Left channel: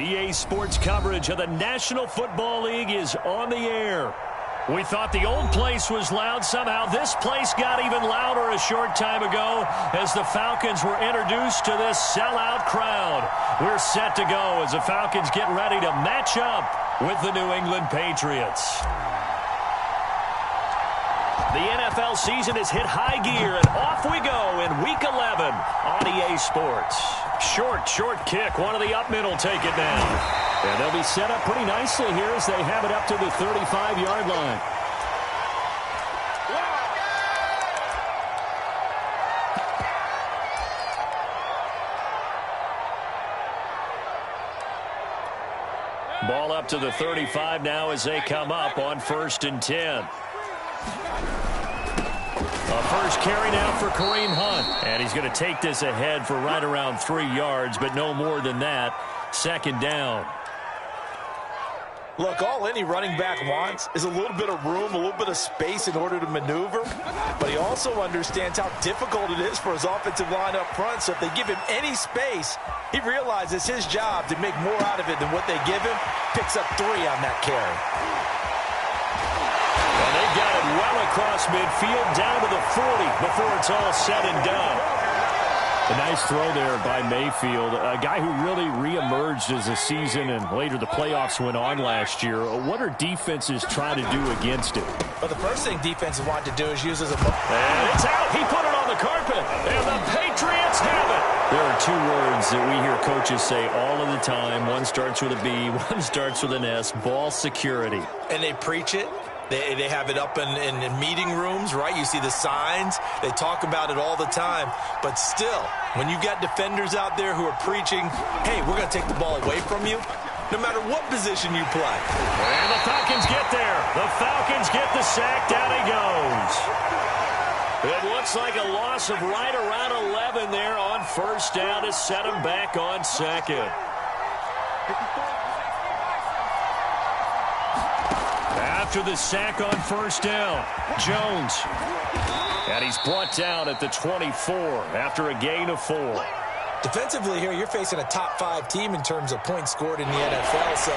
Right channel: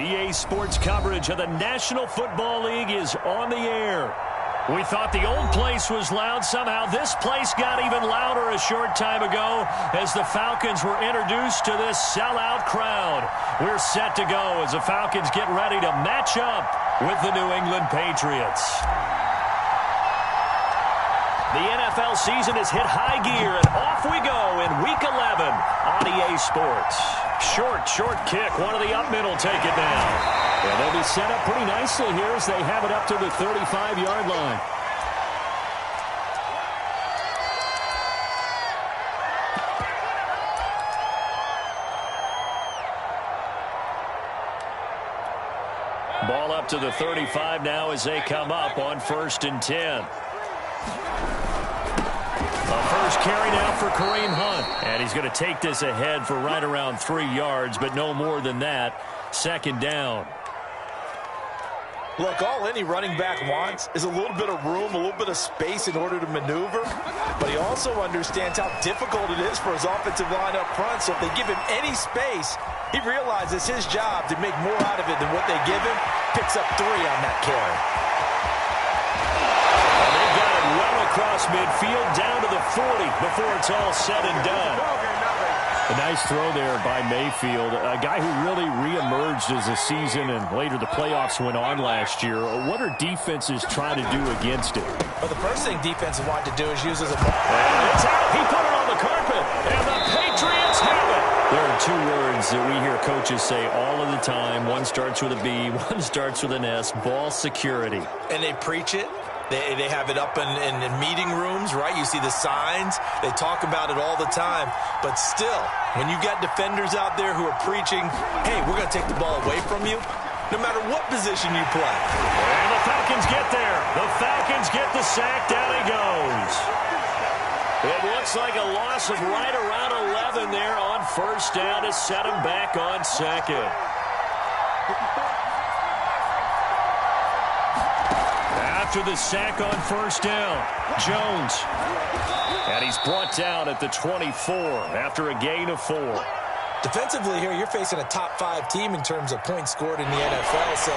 EA Sports coverage of the National Football League is on the air. We thought the old place was loud. Somehow this place got even louder a short time ago as the Falcons were introduced to this sellout crowd. We're set to go as the Falcons get ready to match up with the New England Patriots. The NFL season has hit high gear, and off we go in Week 11 on EA Sports. Short kick. One of the up middle take it now. And they'll be set up pretty nicely here as they have it up to the 35-yard line. Ball up to the 35 now as they come up on 1st and 10. A first carry now for Kareem Hunt. And he's going to take this ahead for right around 3 yards, but no more than that. 2nd down. Look, all any running back wants is a little bit of room, a little bit of space in order to maneuver. But he also understands how difficult it is for his offensive line up front. So if they give him any space, he realizes his job to make more out of it than what they give him. Picks up 3 on that carry. And they got it well across midfield down to the 40 before it's all said and done. A nice throw there by Mayfield, a guy who really reemerged as the season and later the playoffs went on last year. What are defenses trying to do against it? Well, the first thing defenses want to do is use as a... And it's out. He put it on the carpet, and the Patriots have it. There are 2 words that we hear coaches say all of the time. One starts with a B, one starts with an S, ball security. And they preach it. They have it up in meeting rooms, right? You see the signs. They talk about it all the time. But still, when you got defenders out there who are preaching, hey, we're going to take the ball away from you, no matter what position you play. And the Falcons get there. The Falcons get the sack. Down he goes. It looks like a loss of right around 11 there on 1st down to set him back on 2nd. After the sack on 1st down, Jones. And he's brought down at the 24 after a gain of 4. Defensively here, you're facing a top 5 team in terms of points scored in the NFL. So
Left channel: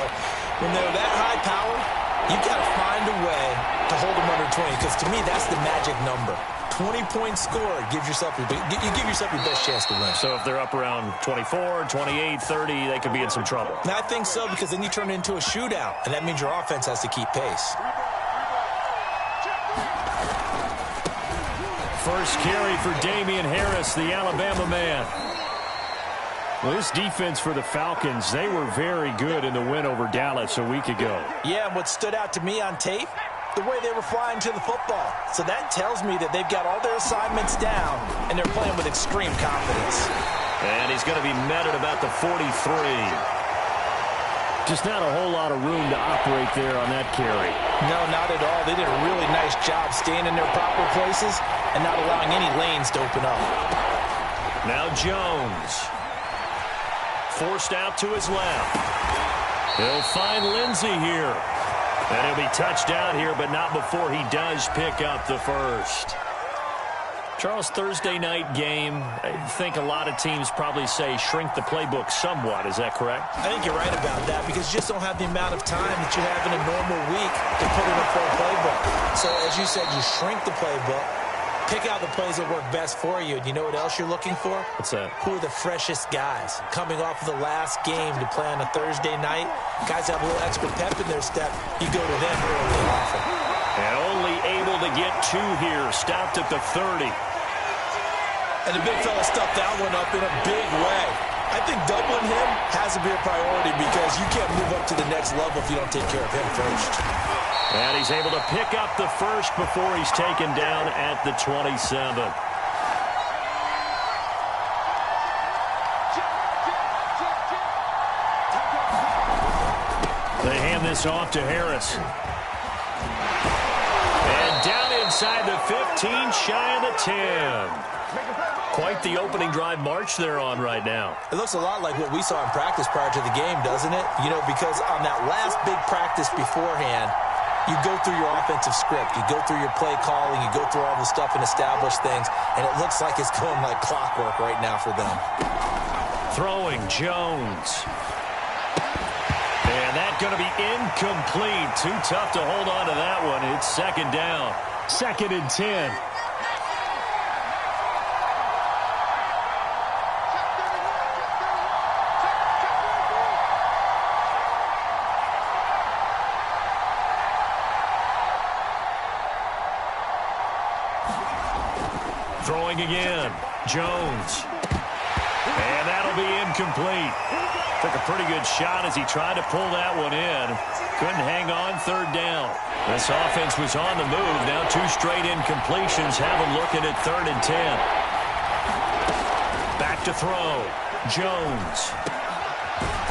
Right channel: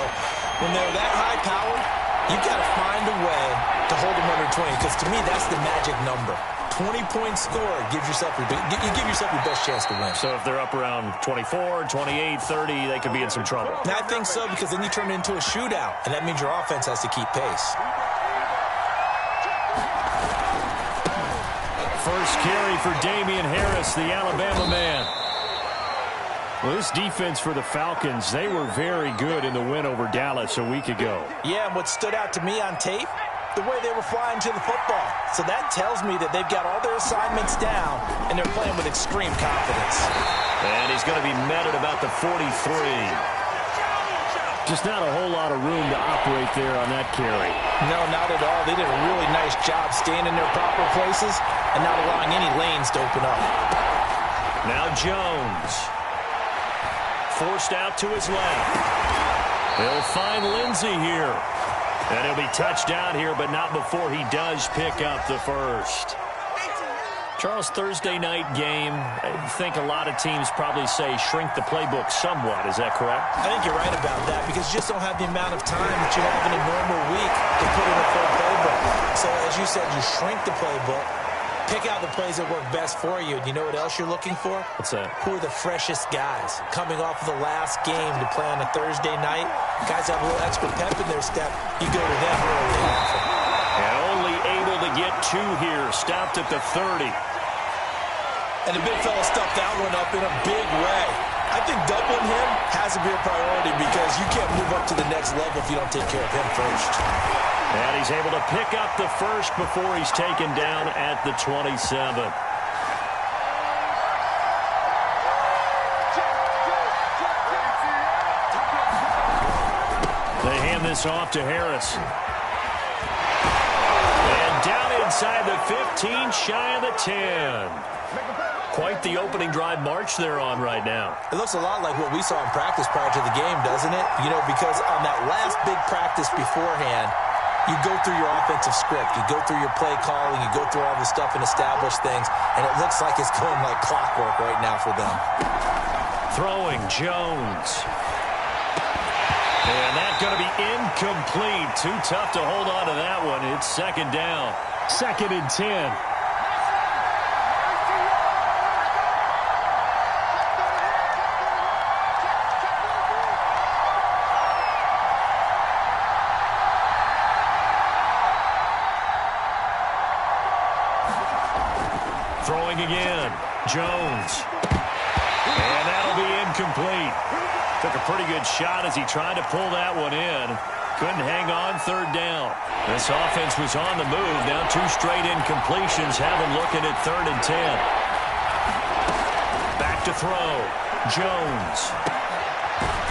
when they're that high powered, you've got to find a way to hold them under 20. Because to me, that's the magic number. 20 points scored gives yourself you give yourself your best chance to win. So if they're up around 24, 28, 30, they could be in some trouble. And I think so, because then you turn it into a shootout, and that means your offense has to keep pace. First carry for Damian Harris, the Alabama man. Well, this defense for the Falcons, they were very good in the win over Dallas a week ago. Yeah, and what stood out to me on tape, the way they were flying to the football. So that tells me that they've got all their assignments down, and they're playing with extreme confidence. And he's going to be met at about the 43. Just not a whole lot of room to operate there on that carry. No, not at all. They did a really nice job staying in their proper places and not allowing any lanes to open up. Now Jones. Forced out to his left. He'll find Lindsey here. And he'll be touched down here, but not before he does pick up the first. Charles, Thursday night game, I think a lot of teams probably say shrink the playbook somewhat. Is that correct? I think you're right about that, because you just don't have the amount of time that you have in a normal week to put in a full playbook. So, as you said, you shrink the playbook, pick out the plays that work best for you. And you know what else you're looking for? What's that? Who are the freshest guys coming off of the last game to play on a Thursday night? Guys have a little extra pep in their step. You go to them early and often. And only able to get 2 here. Stopped at the 30. And the big fella stuffed that one up in a big way. I think doubling him has to be a priority, because you can't move up to the next level if you don't take care of him first. And he's able to pick up the first before he's taken down at the 27. They hand this off to Harris. And down inside the 15, shy of the 10. Quite the opening drive march they're on right now. It looks a lot like what we saw in practice prior to the game, doesn't it? You know, because on that last big practice beforehand, you go through your offensive script. You go through your play calling. You go through all the stuff and establish things. And it looks like it's going like clockwork right now for them. Throwing Jones. And that's going to be incomplete. Too tough to hold on to that one. It's second down. 2nd and 10. Throwing again. Jones. And that'll be incomplete. Took a pretty good shot as he tried to pull that one in. Couldn't hang on, 3rd down. This offense was on the move. Now 2 straight incompletions have them looking at 3rd and 10. Back to throw. Jones.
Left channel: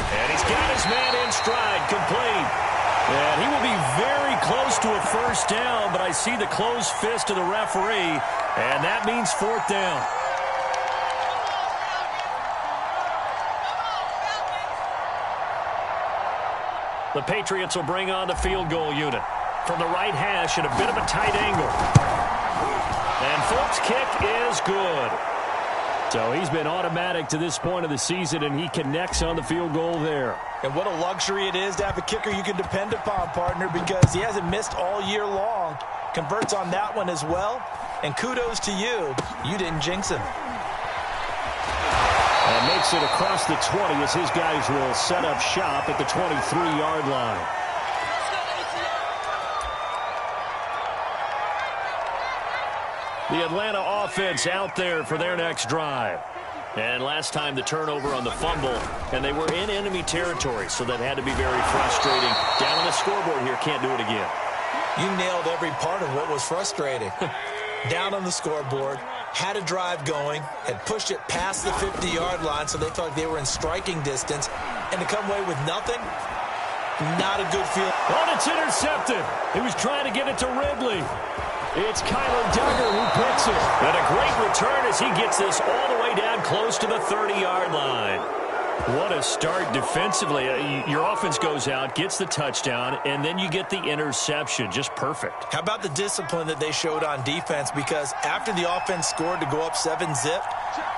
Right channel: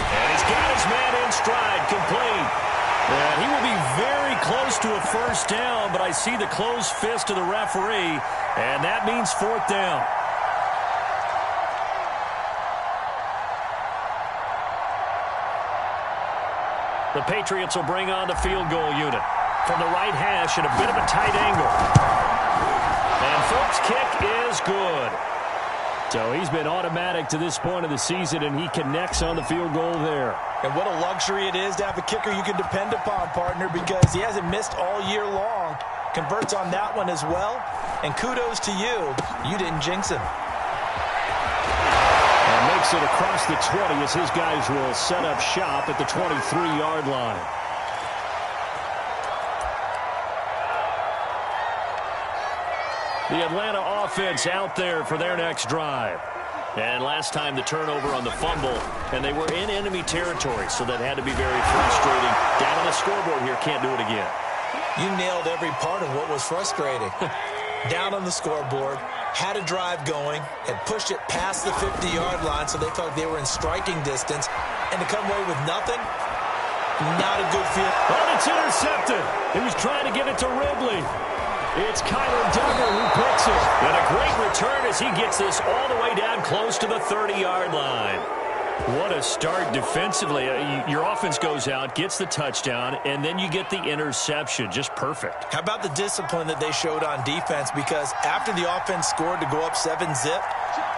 And he's got his man in stride, complete. And he will be very close to a 1st down, but I see the closed fist of the referee, and that means 4th down. The Patriots will bring on the field goal unit from the right hash at a bit of a tight angle. And Phillips' kick is good. So he's been automatic to this point of the season, and he connects on the field goal there. And what a luxury it is to have a kicker you can depend upon, partner, because he hasn't missed all year long. Converts on that one as well. And kudos to you. You didn't jinx him. And makes it across the 20 as his guys will set up shop at the 23-yard line. The Atlanta offense out there for their next drive. And last time the turnover on the fumble, and they were in enemy territory, so that had to be very frustrating. Down on the scoreboard here, can't do it again. You nailed every part of what was frustrating. Down on the scoreboard, had a drive going, had pushed it past the 50-yard line, so they felt like they were in striking distance, and to come away with nothing, not a good feel. Oh, it's intercepted. He was trying to get it to Ridley. It's Kyler Duggar who picks it. And a great return as he gets this all the way down close to the 30-yard line. What a start defensively. Your offense goes out, gets the touchdown, and then you get the interception. Just perfect. How about the discipline that they showed on defense? Because after the offense scored to go up 7-zip,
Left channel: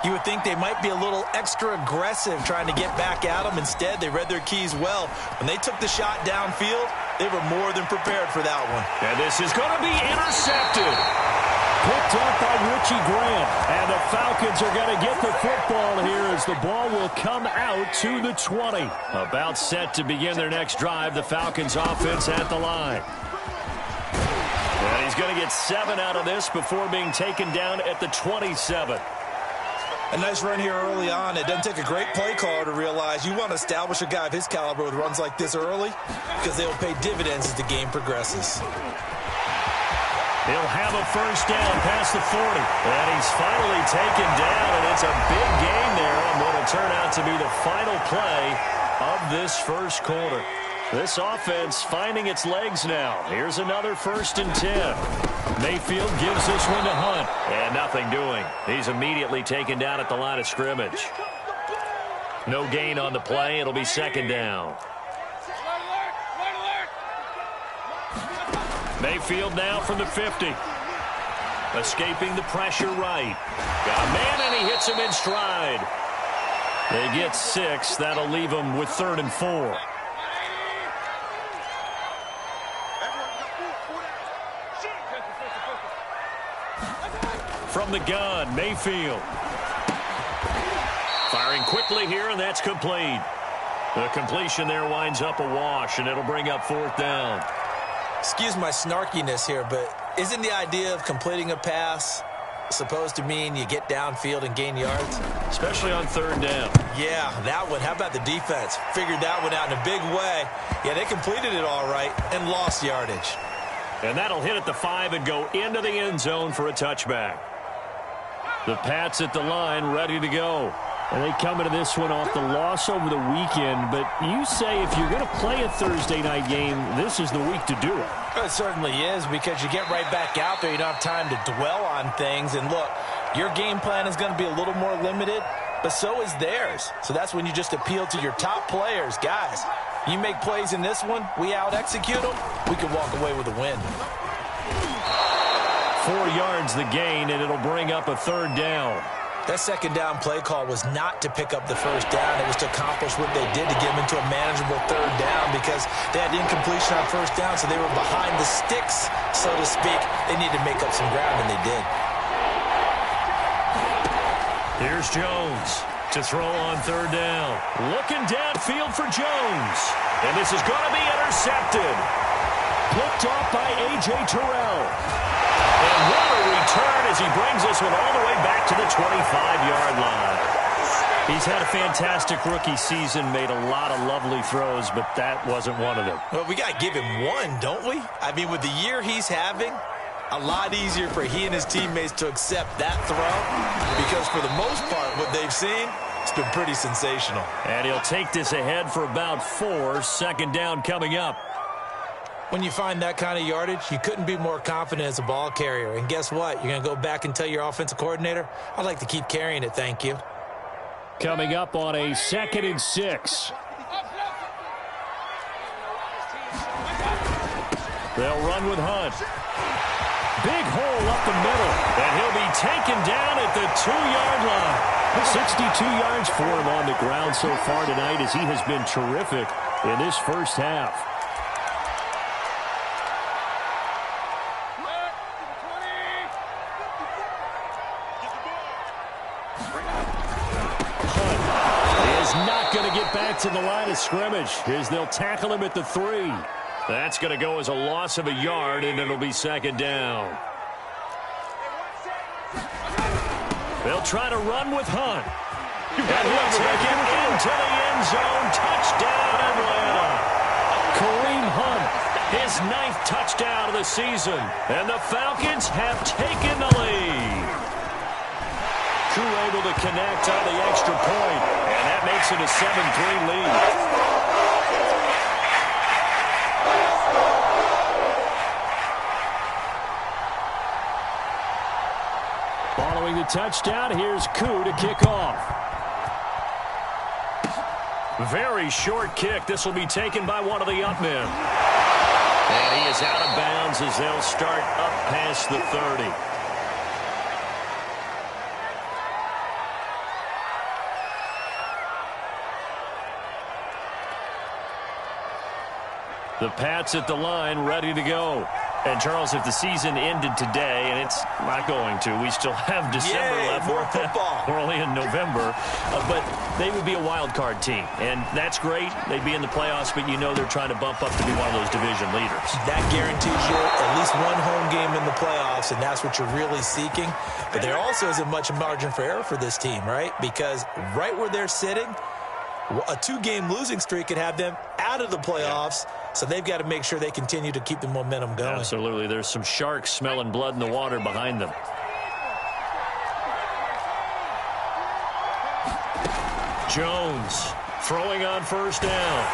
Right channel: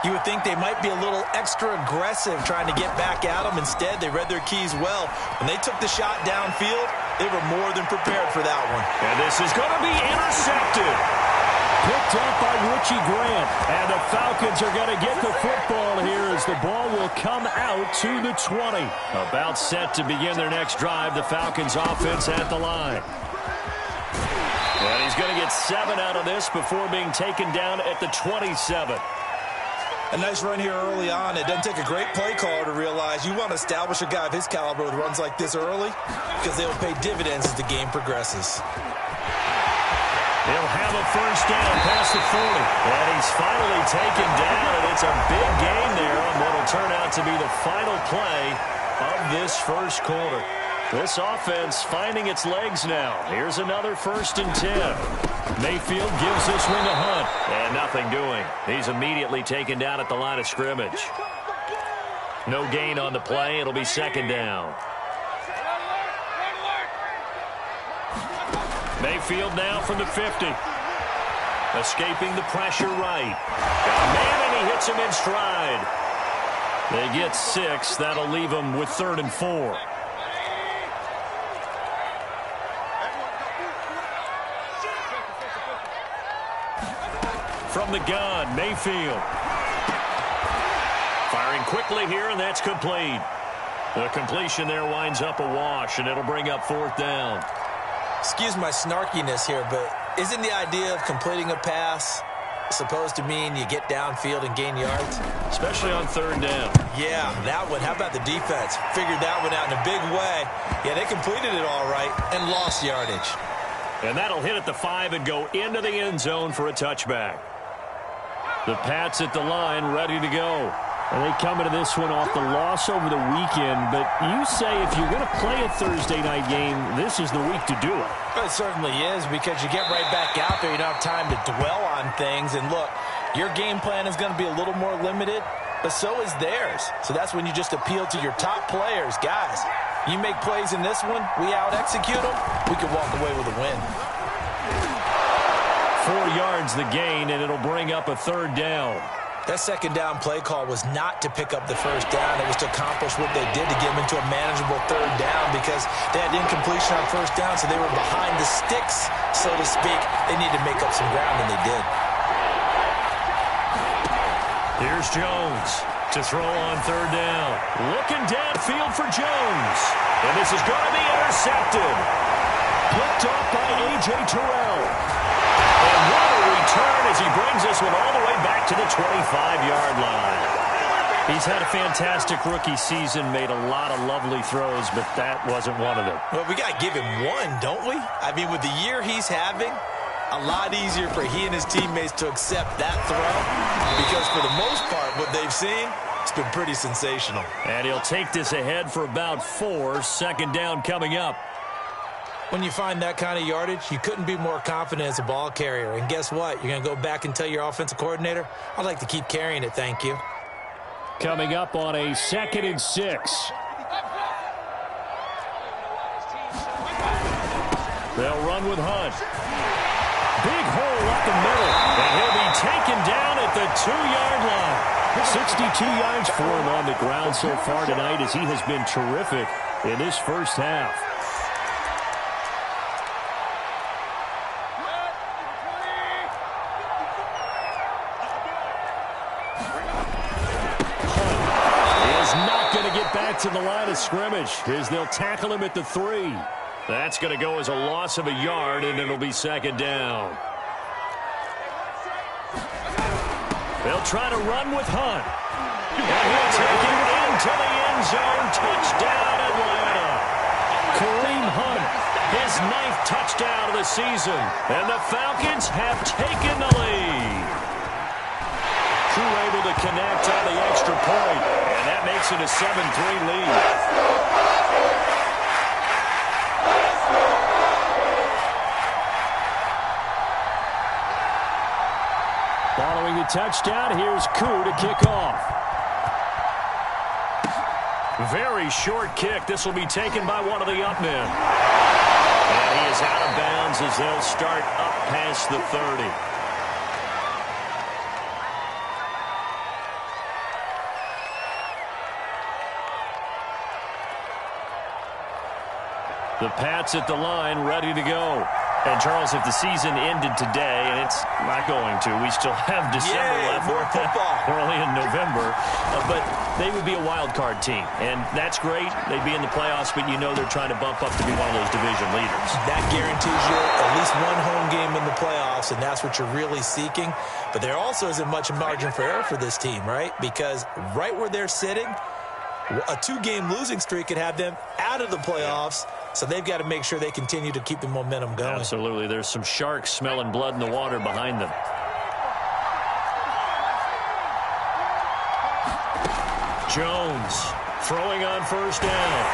you would think they might be a little extra aggressive trying to get back at them. Instead, they read their keys well. When they took the shot downfield, they were more than prepared for that one. And this is going to be intercepted. Picked up by Richie Grant. And the Falcons are going to get the football here as the ball will come out to the 20. About set to begin their next drive. The Falcons offense at the line. And he's going to get 7 out of this before being taken down at the 27. A nice run here early on. It doesn't take a great play caller to realize you want to establish a guy of his caliber with runs like this early because they will pay dividends as the game progresses. He'll have a 1st down past the 40. And he's finally taken down, and it's a big gain there on what will turn out to be the final play of this 1st quarter. This offense finding its legs now. Here's another 1st and 10. Mayfield gives this one to Hunt. And nothing doing. He's immediately taken down at the line of scrimmage. No gain on the play. It'll be 2nd down. Mayfield now from the 50. Escaping the pressure right. Got a man, and he hits him in stride. They get 6. That'll leave them with 3rd and 4. From the gun, Mayfield. Firing quickly here, and that's complete. The completion there winds up a wash, and it'll bring up 4th down. Excuse my snarkiness here, but isn't the idea of completing a pass supposed to mean you get downfield and gain yards? Especially on 3rd down. Yeah, that one. How about the defense? Figured that one out in a big way. Yeah, they completed it all right and lost yardage. And that'll hit at the 5 and go into the end zone for a touchback. The Pats at the line ready to go. And they come into this one off the loss over the weekend. But you say if you're going to play a Thursday night game, this is the week to do it. It certainly is, because you get right back out there. You don't have time to dwell on things. And look, your game plan is going to be a little more limited, but so is theirs. So that's when you just appeal to your top players. Guys, you make plays in this one, we out-execute them, we can walk away with a win. 4 yards the gain, and it'll bring up a 3rd down. That second down play call was not to pick up the first down. It was to accomplish what they did to get them into a manageable third down because they had incompletion on first down, so they were behind the sticks, so to speak. They needed to make up some ground, and they did. Here's Jones to throw on third down. Looking downfield for Jones. And this is going to be intercepted. Picked off by A.J. Terrell. And what a return as he brings this one all the way back to the 25-yard line. He's had a fantastic rookie season, made a lot of lovely throws, but that wasn't one of them. Well, we got to give him one, don't we? I mean, with the year he's having, a lot easier for he and his teammates to accept that throw because for the most part, what they've seen, it's been pretty sensational. And he'll take this ahead for about 4. Second down coming up. When you find that kind of yardage, you couldn't be more confident as a ball carrier. And guess what? You're going to go back and tell your offensive coordinator, I'd like to keep carrying it, thank you. Coming up on a 2nd and 6. They'll run with Hunt. Big hole up the middle. And he'll be taken down at the 2-yard line. 62 yards for him on the ground so far tonight as he has been terrific in this first half. Not going to get back to the line of scrimmage as they'll tackle him at the 3. That's going to go as a loss of a yard, and it'll be second down. They'll try to run with Hunt. And he'll take it into the end zone. Touchdown, Atlanta. Kareem Hunt, his 9th touchdown of the season. And the Falcons have taken the lead. Crew able to connect on the extra point, and that makes it a 7-3 lead. Following the touchdown, here's Koo to kick off. Very short kick. This will be taken by one of the up men. And he is out of bounds as they'll start up past the 30. The Pats at the line, ready to go. And, Charles, if the season ended today, and it's not going to, we still have December left. More football. We're only in November. But they would be a wild card team. And that's great. They'd be in the playoffs, but you know they're trying to bump up to be one of those division leaders. That guarantees you at least one home game in the playoffs, and that's what you're really seeking. But there also isn't much margin for error for this team, right? Because right where they're sitting, a 2-game losing streak could have them out of the playoffs. Yeah. So they've got to make sure they continue to keep the momentum going. Absolutely. There's some sharks smelling blood in the water behind them. Jones throwing on first down.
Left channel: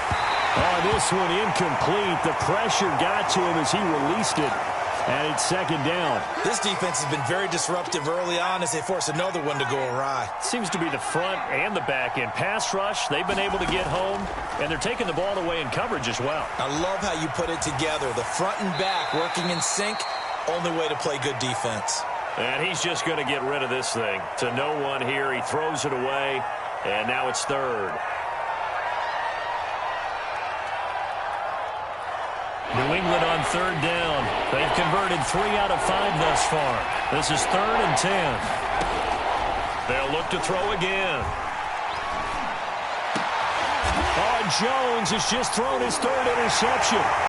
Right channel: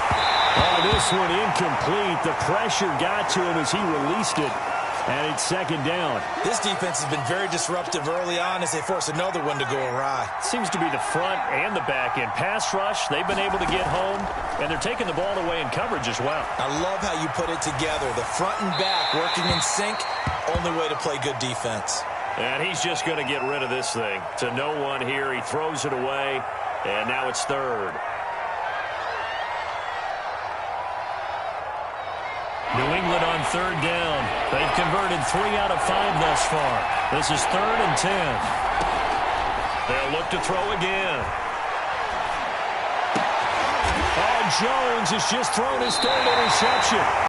Oh, this one incomplete. The pressure got to him as he released it. And it's second down. This defense has been very disruptive early on as they force another one to go awry. Seems to be the front and the back end. Pass rush, they've been able to get home, and they're taking the ball away in coverage as well. I love how you put it together. The front and back working in sync, only way to play good defense. And he's just going to get rid of this thing. To no one here, he throws it away, and now it's third. New England on third down. They've converted 3 out of 5 thus far. This is 3rd and 10. They'll look to throw again. Oh, Jones has just thrown his 3rd interception.